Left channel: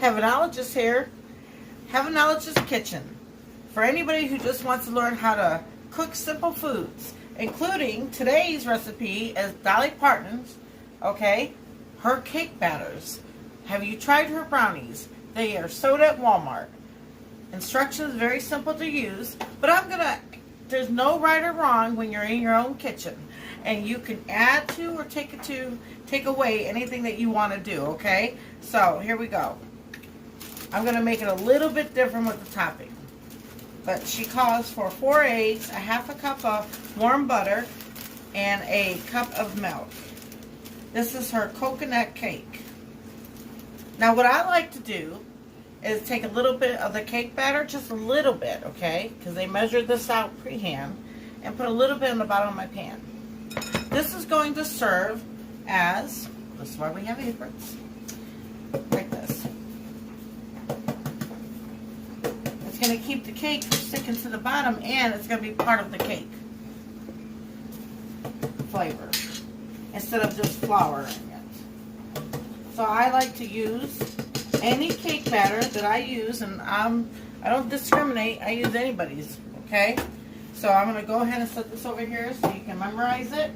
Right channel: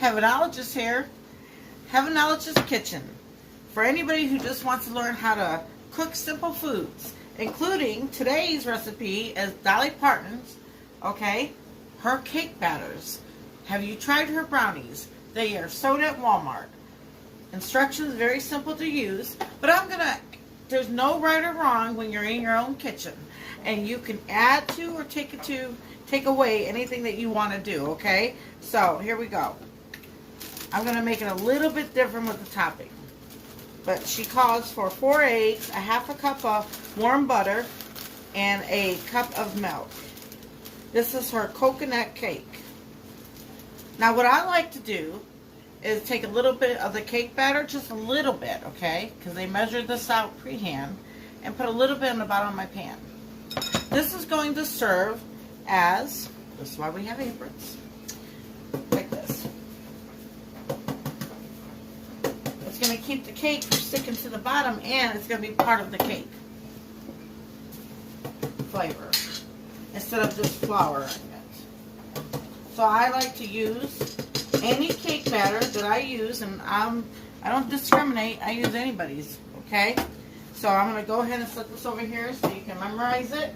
Heavenologist here. Heavenologist Kitchen. For anybody who just wants to learn how to cook simple foods, including today's recipe is Dolly Parton's, okay, her cake batters. Have you tried her brownies? They are sold at Walmart. Instructions very simple to use, but there's no right or wrong when you're in your own kitchen. And you can add to or take away anything that you want to do, okay? So, here we go. I'm going to make it a little bit different with the topping. But she calls for 4 eggs, a half a cup of warm butter, and a cup of milk. This is her coconut cake. Now, what I like to do is take a little bit of the cake batter, just a little bit, okay? Because they measured this out pre-hand, and put a little bit in the bottom of my pan. This is going to serve as, this is why we have aprons, like this. It's going to keep the cake from sticking to the bottom, and it's going to be part of the cake flavor, instead of just flour in it. So I like to use any cake batter that I use, and I don't discriminate, I use anybody's, okay? So I'm going to go ahead and set this over here so you can memorize it.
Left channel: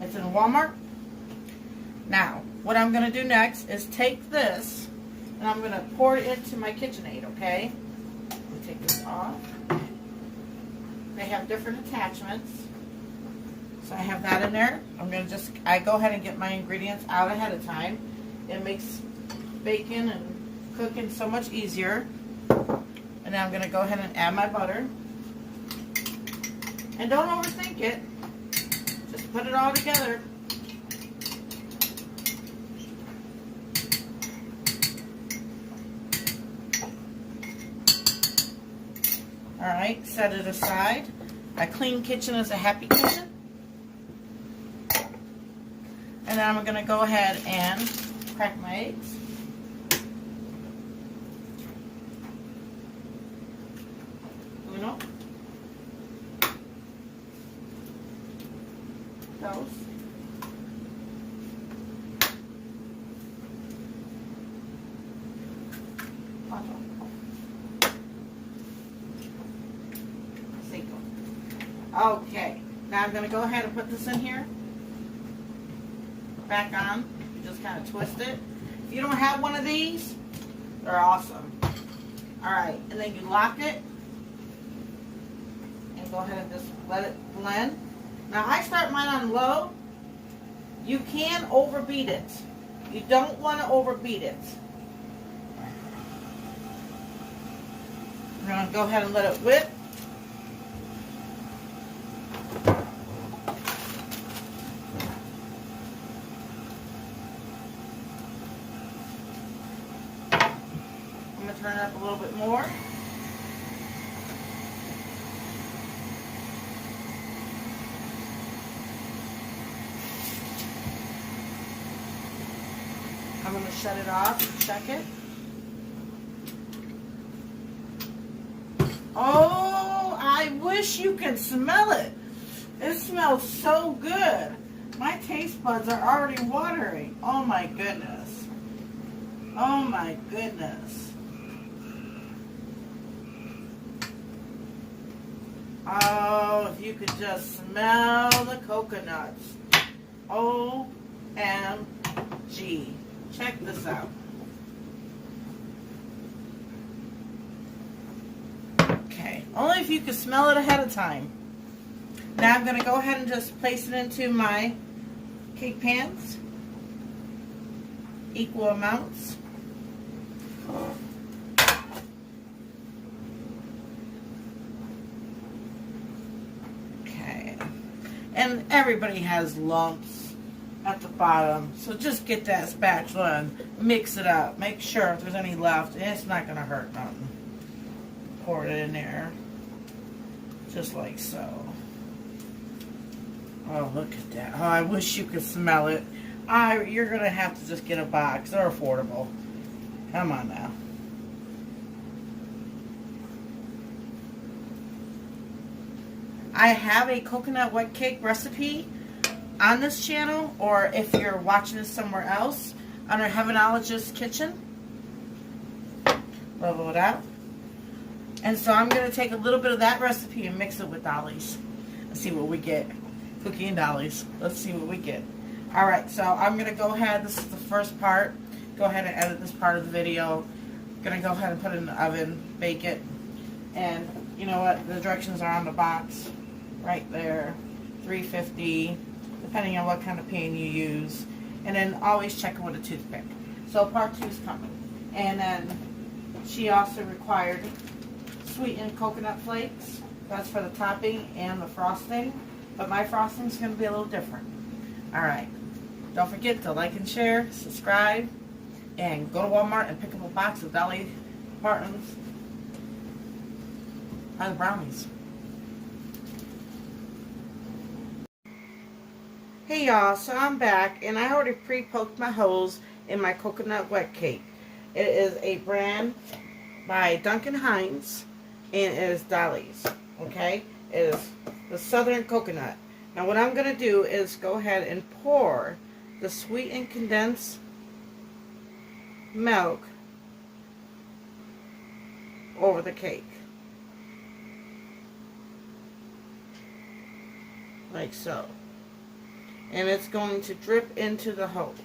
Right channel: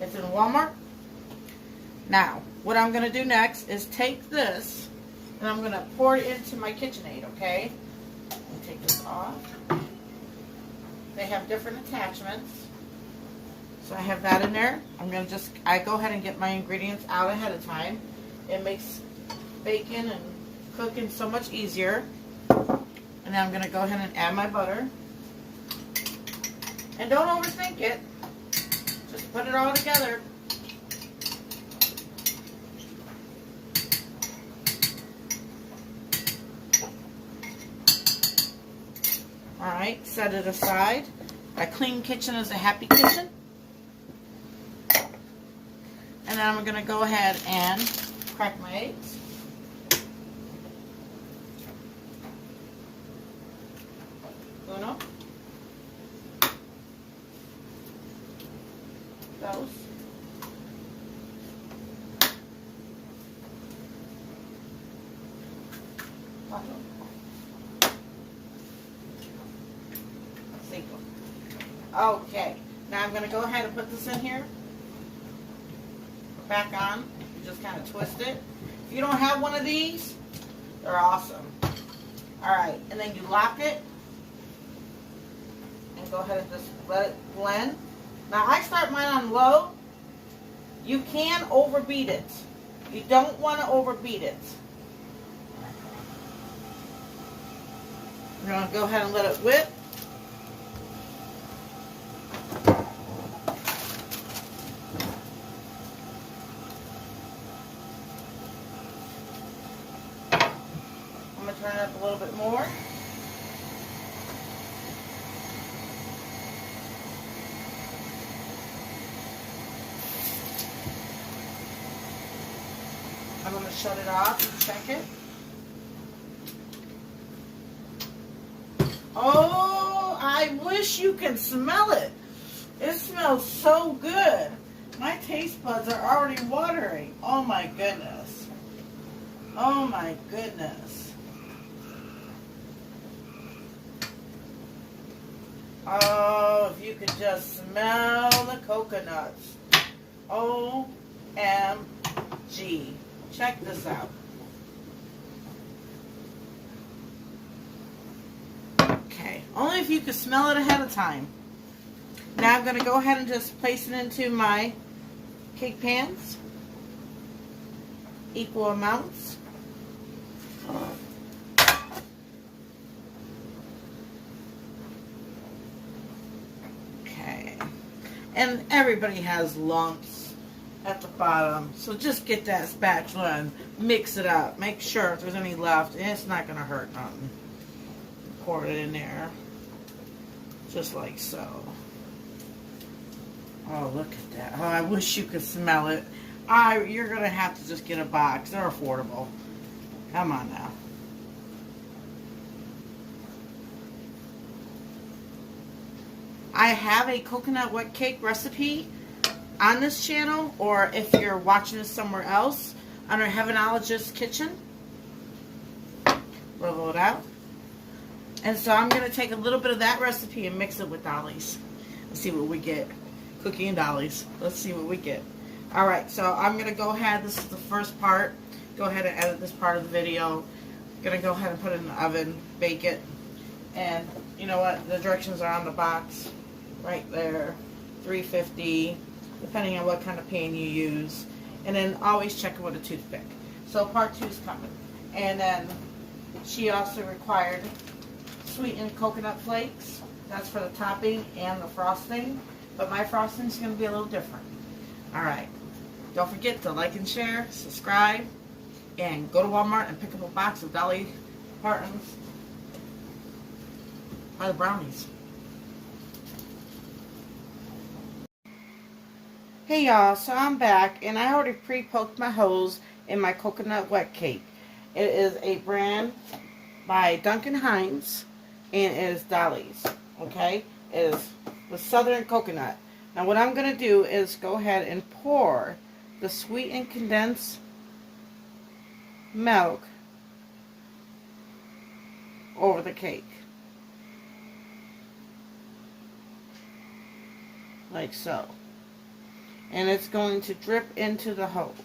It's in Walmart. Now, what I'm going to do next is take this and I'm going to pour it into my KitchenAid, okay? Let me take this off. They have different attachments. So I have that in there. I go ahead and get my ingredients out ahead of time. It makes baking and cooking so much easier. And then I'm going to go ahead and add my butter. And don't overthink it. Just put it all together. Alright, set it aside. A clean kitchen is a happy kitchen. And then I'm going to go ahead and crack my eggs. Uno. Dos. Cuatro. Cinco. Okay, now I'm going to go ahead and put this in here. Back on. You just kind of twist it. If you don't have one of these, they're awesome. Alright, and then you lock it. And go ahead and just let it blend. Now I start mine on low. You can overbeat it. You don't want to overbeat it. We're going to go ahead and let it whip. I'm going to turn it up a little bit more. I'm going to shut it off and check it. Oh, I wish you could smell it. It smells so good. My taste buds are already watering. Oh my goodness. Oh my goodness. Oh, if you could just smell the coconuts. OMG. Check this out. Okay, only if you can smell it ahead of time. Now I'm going to go ahead and just place it into my cake pans. Equal amounts. Okay. And everybody has lumps at the bottom, so just get that spatula and mix it up. Make sure if there's any left, and it's not going to hurt nothing. Pour it in there, just like so. Oh, look at that. Oh, I wish you could smell it. You're going to have to just get a box. They're affordable. Come on now. I have a coconut white cake recipe on this channel, or if you're watching this somewhere else, under Heavenologist Kitchen. level it out. And so I'm going to take a little bit of that recipe and mix it with Dolly's. Let's see what we get. Cookie and Dolly's. Let's see what we get. Alright, so I'm going to go ahead. This is the first part. Go ahead and edit this part of the video. I'm going to go ahead and put it in the oven, bake it. And you know what? The directions are on the box. Right there. 350. Depending on what kind of pan you use. And then always check it with a toothpick. So part 2 is coming. And then she also required sweetened coconut flakes. That's for the topping and the frosting. But my frosting is going to be a little different. Alright. Don't forget to like and share, subscribe, and go to Walmart and pick up a box of Dolly Parton's pie brownies. Hey y'all, so I'm back and I already pre-poked my holes in my coconut wet cake. It is a brand by Duncan Hines and it is Dolly's. Okay? It is the Southern Coconut. Now what I'm going to do is go ahead and pour the sweetened condensed milk over the cake. Like so. And it's going to drip into the holes.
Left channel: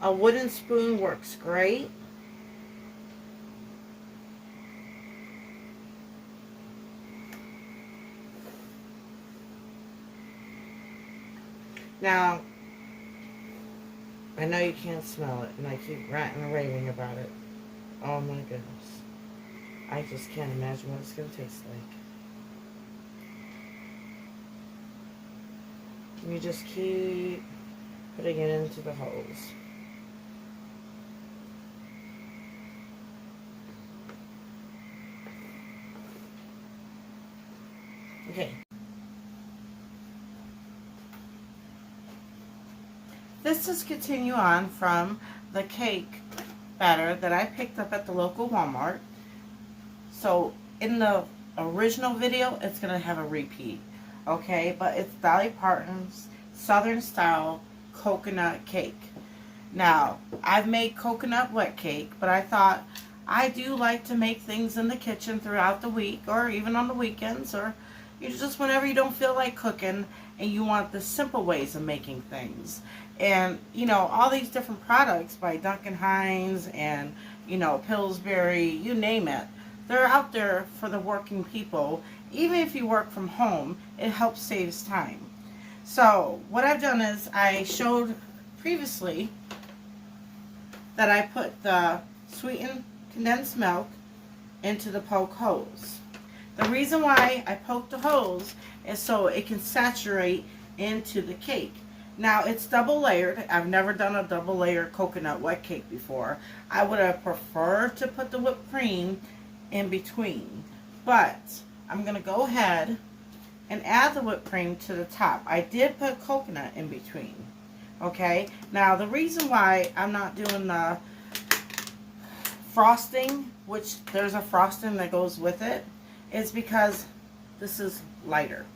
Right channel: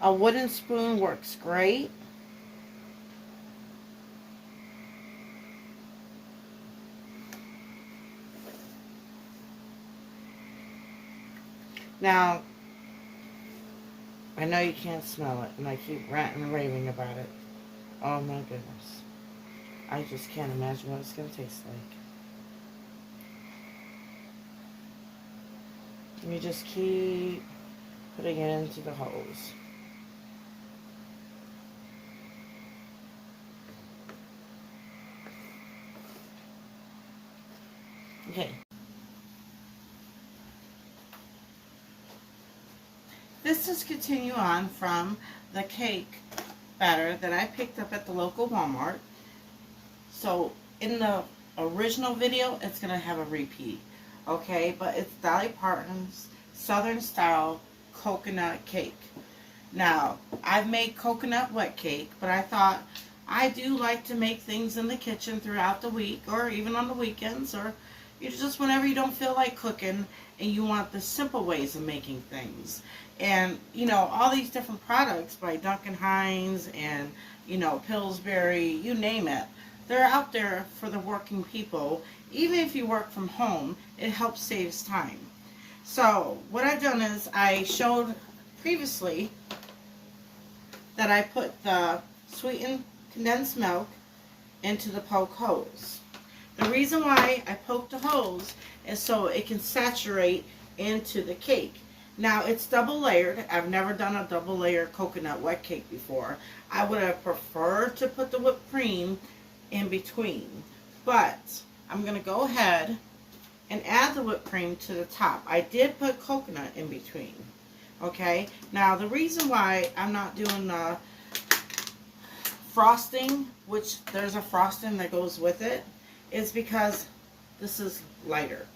A wooden spoon works great. Now, I know you can't smell it, and I keep ranting and raving about it. Oh my goodness. I just can't imagine what it's going to taste like. You just keep putting it into the holes. Okay. This is continue on from the cake batter that I picked up at the local Walmart. So in the original video, it's going to have a repeat. Okay, but it's Dolly Parton's Southern Style Coconut Cake. Now, I've made coconut wet cake, but I thought I do like to make things in the kitchen throughout the week or even on the weekends or just whenever you don't feel like cooking and you want the simple ways of making things. And, you know, all these different products by Duncan Hines and, you know, Pillsbury, you name it, they're out there for the working people. Even if you work from home, it helps saves time. So what I've done is I showed previously that I put the sweetened condensed milk into the poke holes. The reason why I poke the holes is so it can saturate into the cake. Now it's double layered. I've never done a double layered coconut wet cake before. I would have preferred to put the whipped cream in between, but I'm going to go ahead and add the whipped cream to the top. I did put coconut in between. Okay, now the reason why I'm not doing the frosting, which there's a frosting that goes with it, is because this is lighter,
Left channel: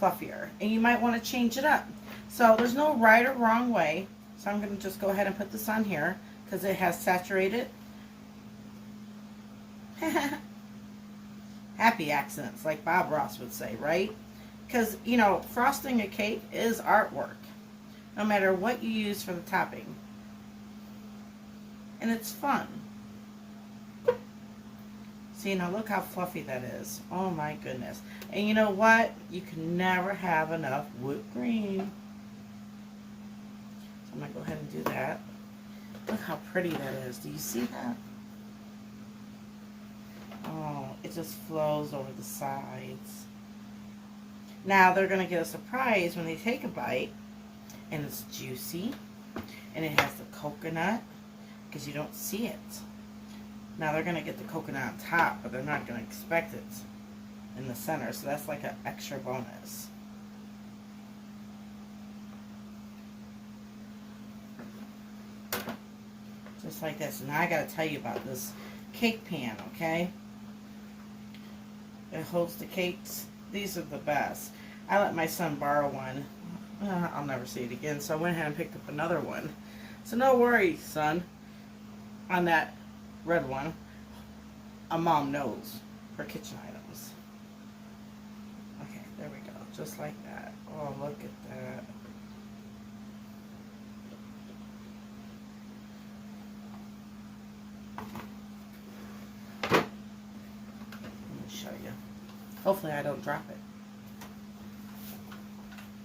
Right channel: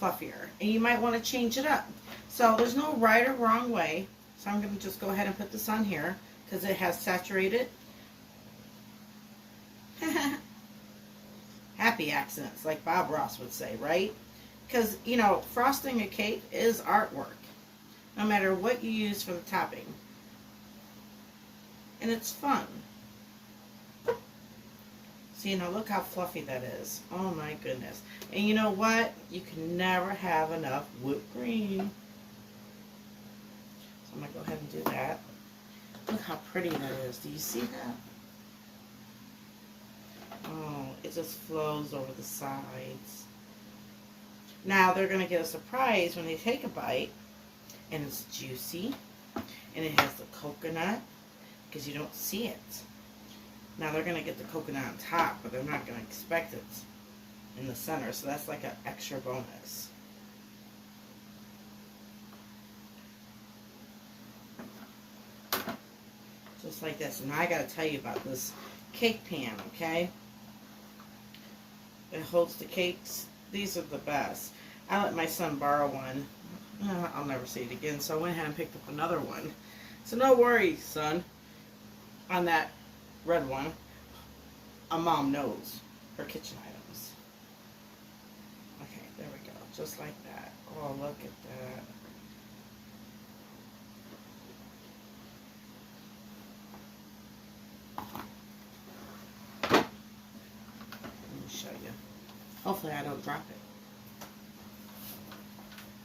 fluffier, and you might want to change it up. So there's no right or wrong way. So I'm going to just go ahead and put this on here because it has saturated. Happy accents, like Bob Ross would say, right? Because, you know, frosting a cake is artwork, no matter what you use for the topping. And it's fun. See, now look how fluffy that is. Oh my goodness. And you know what? You can never have enough whipped cream. So I'm going to go ahead and do that. Look how pretty that is. Do you see that? Oh, it just flows over the sides. Now they're going to get a surprise when they take a bite. And it's juicy. And it has the coconut. Because you don't see it. Now they're going to get the coconut on top. But they're not going to expect it in the center. So that's like an extra bonus. Just like this. Now I got to tell you about this cake pan, okay? It holds the cakes. These are the best. I let my son borrow one. I'll never see it again, so I went ahead and picked up another one. So no worries, son, on that red one. A mom knows her kitchen items. Okay, there we go. Just like that. Oh, look at that. Let me show you. Hopefully I don't drop it.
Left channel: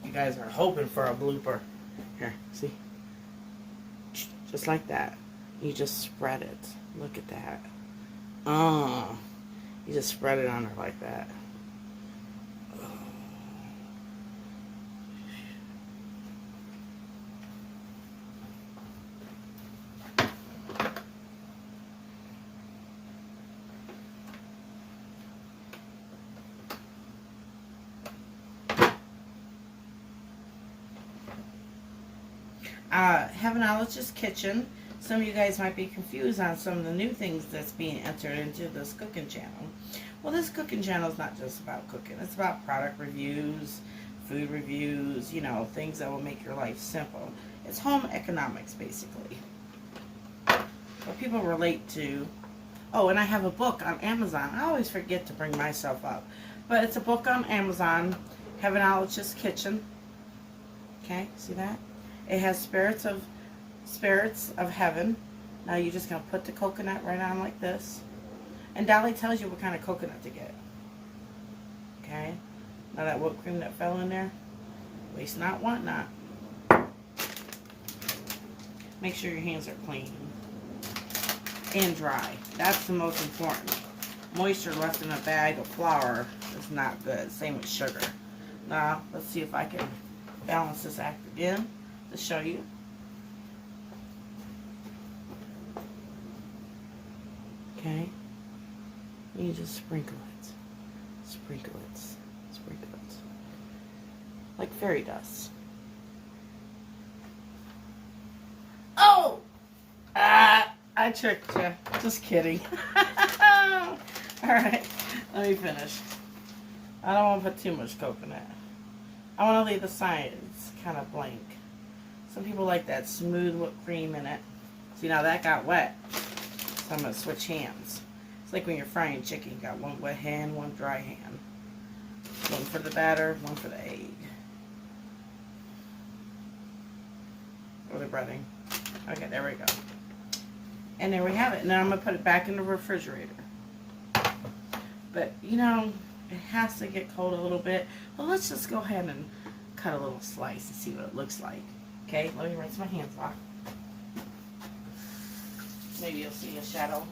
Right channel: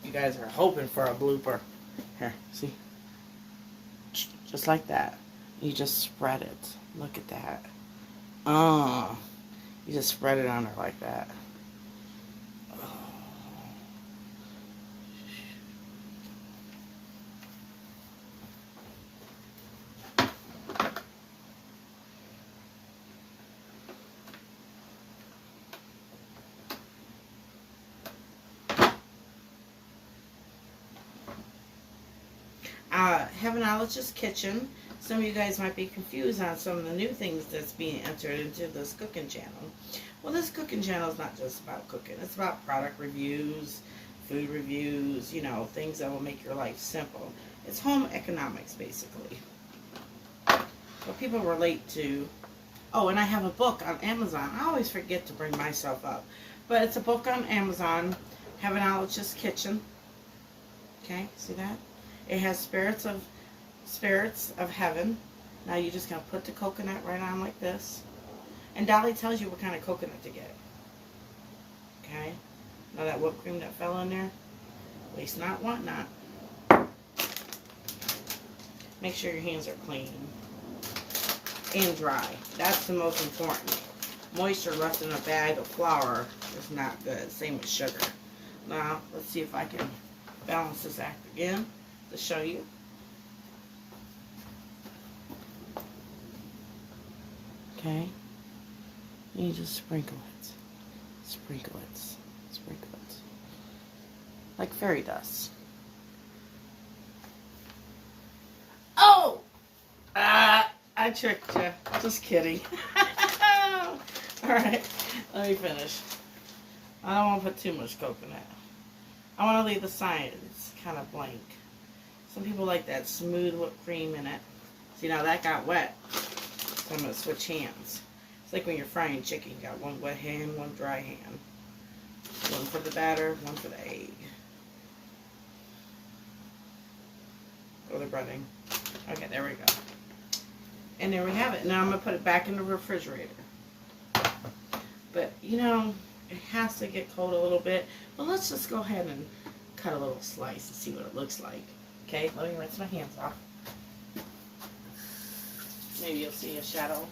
You guys are hoping for a blooper. Here, see? Just like that. You just spread it. Look at that. Oh, you just spread it on her like that. Heavenologist's Kitchen. Some of you guys might be confused on some of the new things that's being entered into this cooking channel. Well, this cooking channel is not just about cooking. It's about product reviews, food reviews, you know, things that will make your life simple. It's home economics, basically. What people relate to. Oh, and I have a book on Amazon. I always forget to bring myself up. But it's a book on Amazon, Heavenologist's Kitchen. Okay, see that? It has spirits of heaven. Now you're just going to put the coconut right on like this. And Dolly tells you what kind of coconut to get. Okay? Now that whipped cream that fell in there, waste not, want not. Make sure your hands are clean and dry. That's the most important. Moisture left in a bag of flour is not good. Same with sugar. Now, let's see if I can balance this act again to show you. Okay, you just sprinkle it, sprinkle it, sprinkle it, like fairy dust. Oh! I tricked you. Just kidding. Alright, let me finish. I don't want to put too much coconut. I want to leave the sides kind of blank. Some people like that smooth whipped cream in it. See, now that got wet. So I'm going to switch hands. It's like when you're frying chicken. You got one wet hand, one dry hand. One for the batter, one for the egg. Or the breading. Okay, there we go. And there we have it. Now I'm going to put it back in the refrigerator. But, you know, it has to get cold a little bit. But let's just go ahead and cut a little slice and see what it looks like. Okay, let me rinse my hands off. Maybe you'll see a shadow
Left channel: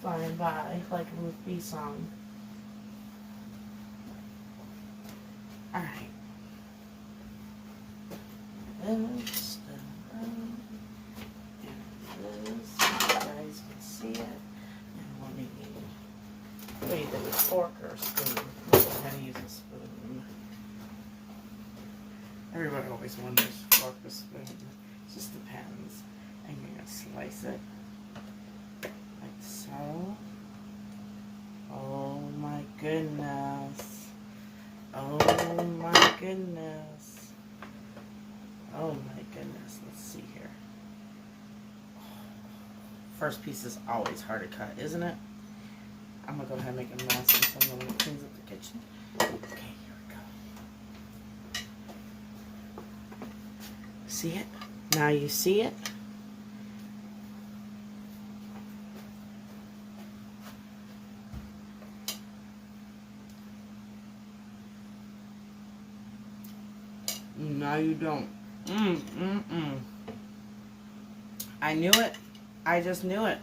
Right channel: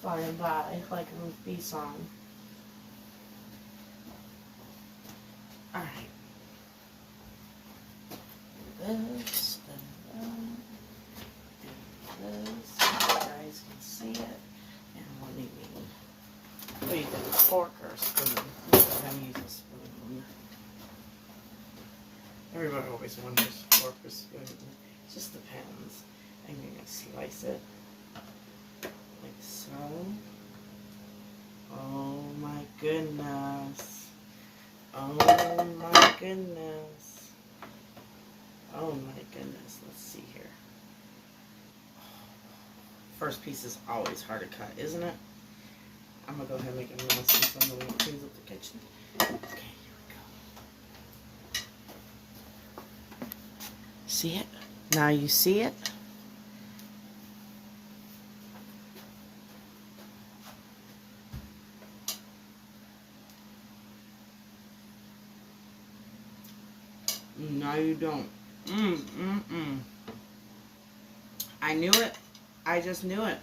flying by like a Ruth B song. Alright. This, and this. You guys can see it. And we'll need, what do you think, a fork or a spoon? I'm going to use a spoon. Everybody always wonders, fork or spoon. It just depends. And you're going to slice it. Like so. Oh my goodness. Oh my goodness. Oh my goodness. Let's see here. First piece is always hard to cut, isn't it? I'm going to go ahead and make a mess and somebody cleans up the kitchen. Okay, here we go. See it? Now you see it? No, you don't. I knew it. I just knew it.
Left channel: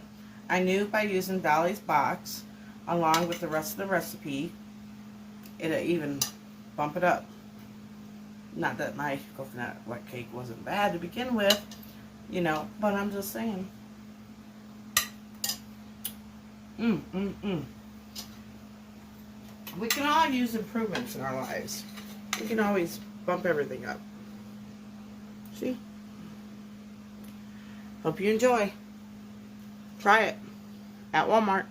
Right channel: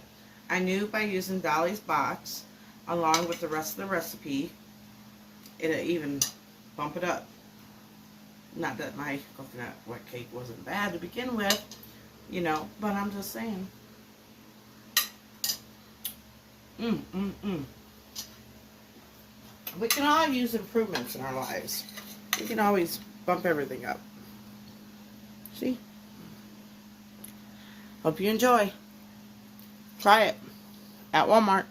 I knew by using Dolly's box, along with the rest of the recipe, it'll even bump it up. Not that my coconut wet cake wasn't bad to begin with, you know, but I'm just saying. We can all use improvements in our lives. We can always bump everything up. See? Hope you enjoy. Try it at Walmart.